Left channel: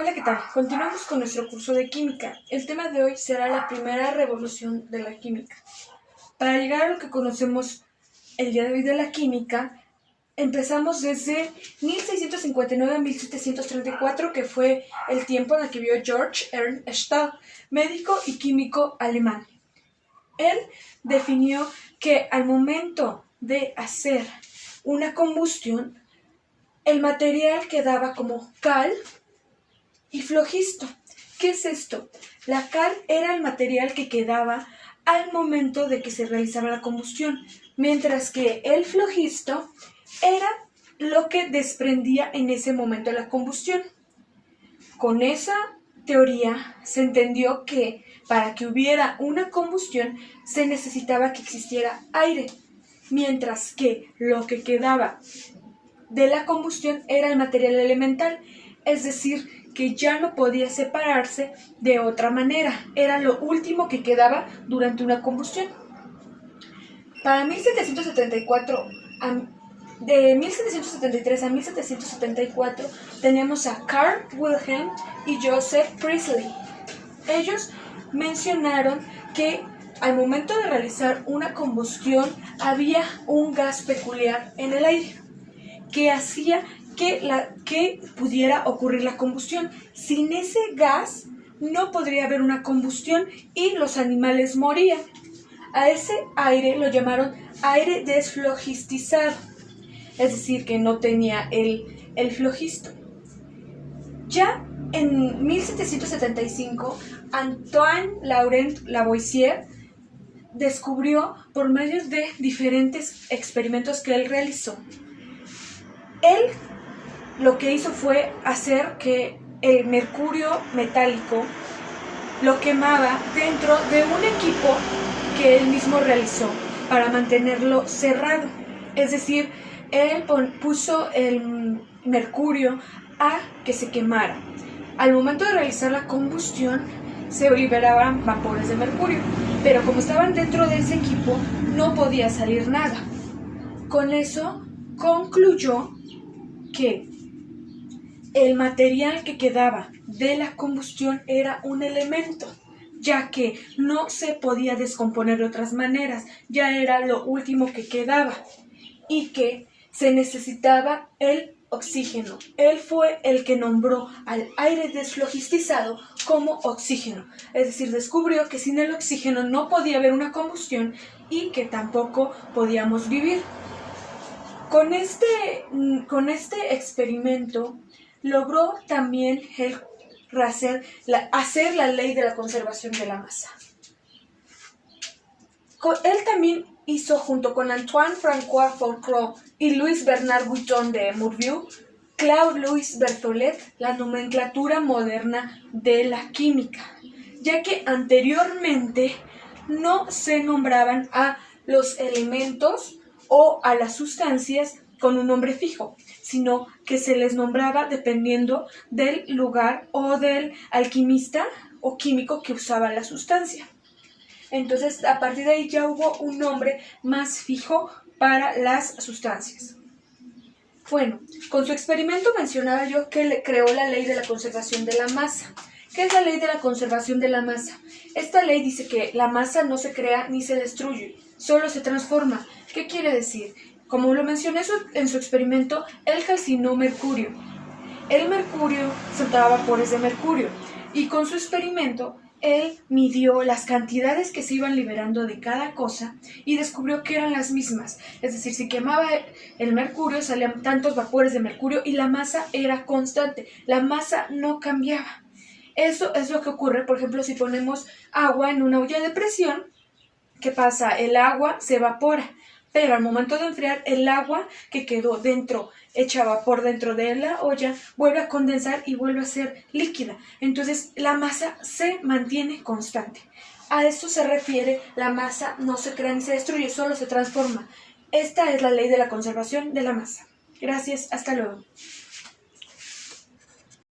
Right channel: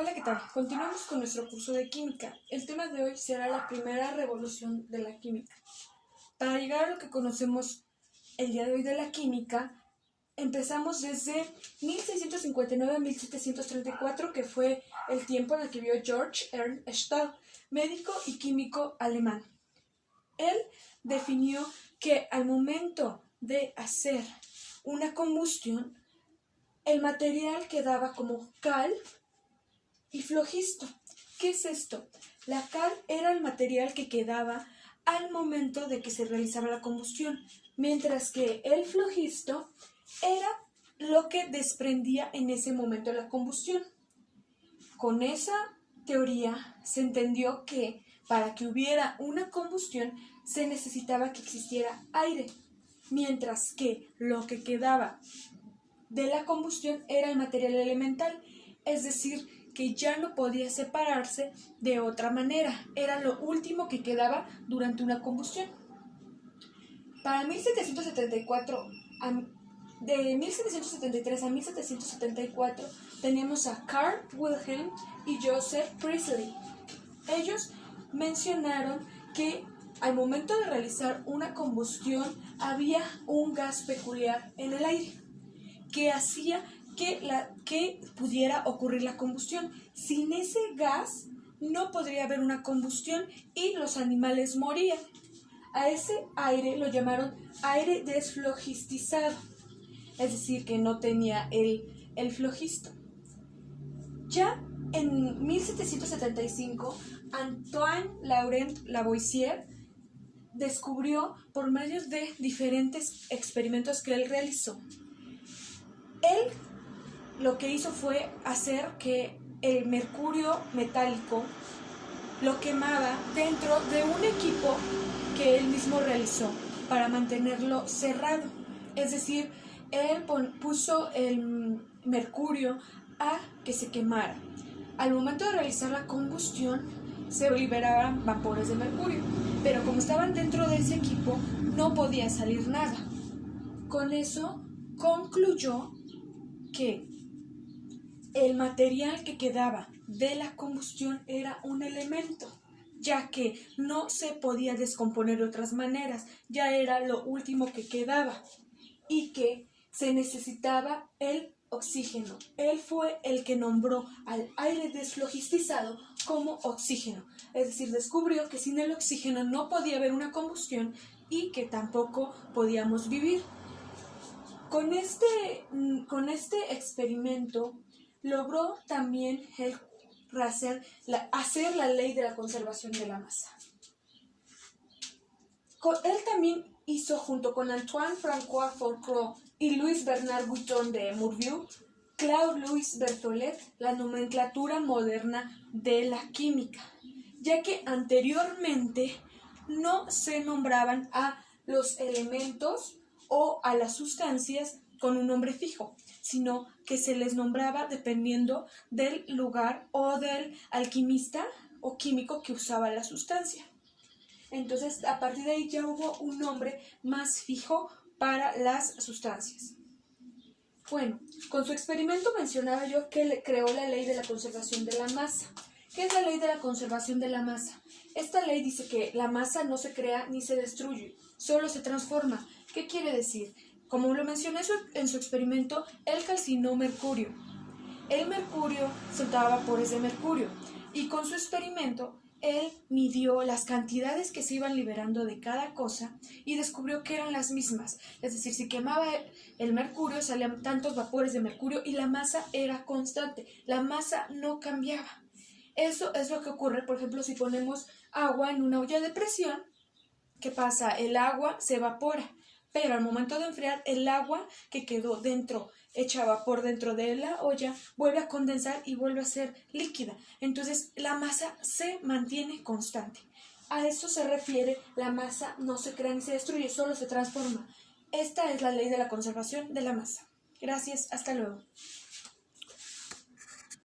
Hola, ¿qué tal? Continuamos con nuestro curso de química. El tema de hoy será la primera revolución de la química. Para llegar a lo que conocemos el día de hoy de la química, empezamos desde 1659 a 1734, que fue el tiempo en el que vivió Georg Ernst Stahl, médico y químico alemán. Él definió que al momento de hacer una combustión, el material quedaba como cal y flogisto. ¿Qué es esto? La cal era el material que quedaba al momento de que se realizaba la combustión, mientras que el flogisto era lo que desprendía en ese momento de la combustión. Con esa teoría se entendió que para que hubiera una combustión se necesitaba que existiera aire, mientras que lo que quedaba de la combustión era el material elemental, es decir, que ya no podía separarse de otra manera, era lo último que quedaba durante una combustión. Para 1774, de 1773 a 1774, tenemos a Carl Wilhelm y Joseph Priestley. Ellos mencionaron que al momento de realizar una combustión había un gas peculiar en el aire que hacía que pudiera ocurrir la combustión. Sin ese gas no podría haber una combustión y los animales morían. A ese aire lo llamaron aire desflogistizado, es decir, que no tenía el flogisto. Ya en 1775, Antoine Laurent Lavoisier descubrió por medio de diferentes experimentos que él realizó. Él lo que hizo fue hacer que el mercurio metálico lo quemaba dentro de un equipo que él mismo realizó para mantenerlo cerrado. Es decir, él puso el mercurio a que se quemara. Al momento de realizar la combustión se liberaban vapores de mercurio, pero como estaban dentro de ese equipo no podía salir nada. Con eso concluyó que el material que quedaba de la combustión era un elemento, ya que no se podía descomponer de otras maneras, ya era lo último que quedaba y que se necesitaba el oxígeno. Él fue el que nombró al aire desflogistizado como oxígeno, es decir, descubrió que sin el oxígeno no podía haber una combustión y que tampoco podíamos vivir. Con este experimento logró también hacer la ley de la conservación de la masa. Él también hizo, junto con Antoine-François Fourcroy y Louis Bernard Guiton de Morbius, Claude-Louis Berthollet, la nomenclatura moderna de la química, ya que anteriormente no se nombraban a los elementos o a las sustancias con un nombre fijo, sino que se les nombraba dependiendo del lugar o del alquimista o químico que usaba la sustancia. Entonces, a partir de ahí ya hubo un nombre más fijo para las sustancias. Bueno, con su experimento mencionaba yo que creó la ley de la conservación de la masa. ¿Qué es la ley de la conservación de la masa? Esta ley dice que la masa no se crea ni se destruye, solo se transforma. ¿Qué quiere decir? Como lo mencioné en su experimento, él calcinó mercurio. El mercurio soltaba vapores de mercurio y con su experimento él midió las cantidades que se iban liberando de cada cosa y descubrió que eran las mismas. Es decir, si quemaba el mercurio salían tantos vapores de mercurio y la masa era constante, la masa no cambiaba. Eso es lo que ocurre, por ejemplo, si ponemos agua en una olla de presión. ¿Qué pasa? El agua se evapora, pero al momento de enfriar, el agua que quedó dentro, hecha vapor dentro de la olla, vuelve a condensar y vuelve a ser líquida. Entonces, la masa se mantiene constante. A eso se refiere, la masa no se crea ni se destruye, solo se transforma. Esta es la ley de la conservación de la masa. Gracias, hasta luego.